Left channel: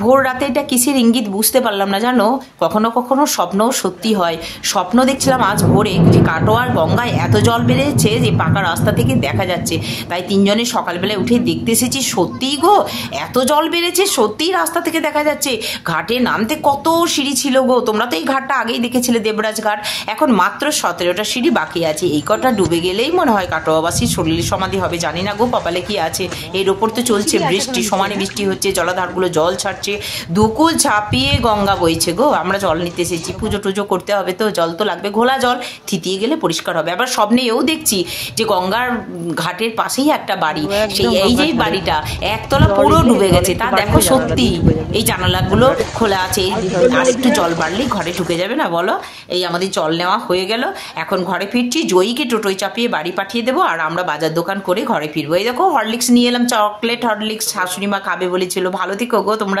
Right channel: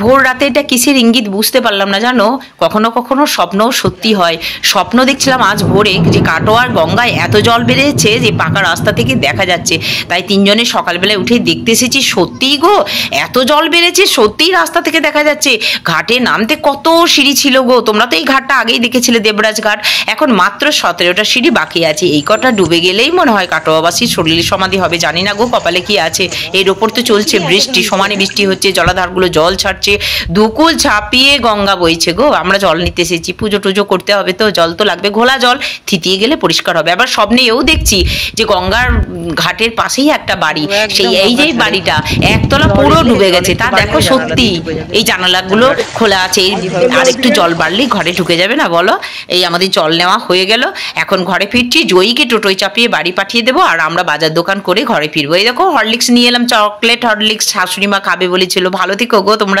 ভোর রাতে এটা কিসের ইঙ্গিত বুঝতে পারলাম না জানো। কখনো কখনো স্বপ্নও সত্যি হয়। স্বপ্ন দেখছিলাম আজ ভোরে যে কাটোয়ার গঙ্গায় এত জল বেড়েছে যে পাকা রাস্তা থেকে দেখা যাচ্ছে। তাই তিনজনে সকালবেলায় উঠে দেখতে এসেছি, সত্যিই গো এত জল বেড়েছে, সত্যিই রাস্তা থেকে দেখা যাচ্ছে। ঘাটে নামতে কত সিঁড়ি ছিল গো, তোমরা তো এই ঘাটটা আগেই দেখেছিলে, দেবরাজ ঘাট। এখন মাত্র 17টা সিঁড়ি বাকি আছে। এই কটা ডুবে গেলেই মনে হয় কাটোয়াবাসীর শরীরে সমাধি হবে। জানি না গো কপালে কি আছে। এর ওপর তো চলছে বৃষ্টি, সমানে বৃষ্টি হচ্ছে, জলাধারগুলো জল ছাড়ছে, দুকুল ছাপিয়ে গঙ্গা বইছে গো। আমরা জল নিতে এসেছি, পুজো টুজো করতে হবে, তো জল তো লাগবে। ঘোলা জল থিতিয়ে গেলে পরিষ্কার হবে। আবার স্বপ্নে এও দেখছি যে গঙ্গার ঘাটের পাশেই একটা বাড়ি, সেই এই যে বাড়িটা একতলা পুরো ডুবে গেছে। তা দেখো সত্যি এই জানালাগুলো খোলা আছে। আর একটু জল বাড়লেই ঘরে ঢুকে যাবে না বলো। এই আমাদের জল নেওয়া হয়ে গেল, এখন ঘরে ফিরছি। জয়ীকে টোটোয় চাপিয়ে বাড়ি পাঠিয়ে দেবো, আর আমরা বাজার দোকান করে ঘরে ফিরবো। এই দেখো হরলিক্স নিয়ে এলাম, চকলেট হরলিক্স, শাশুড়ি মা খাবে বলেছিল। ভালো থেকো গো তোমরা।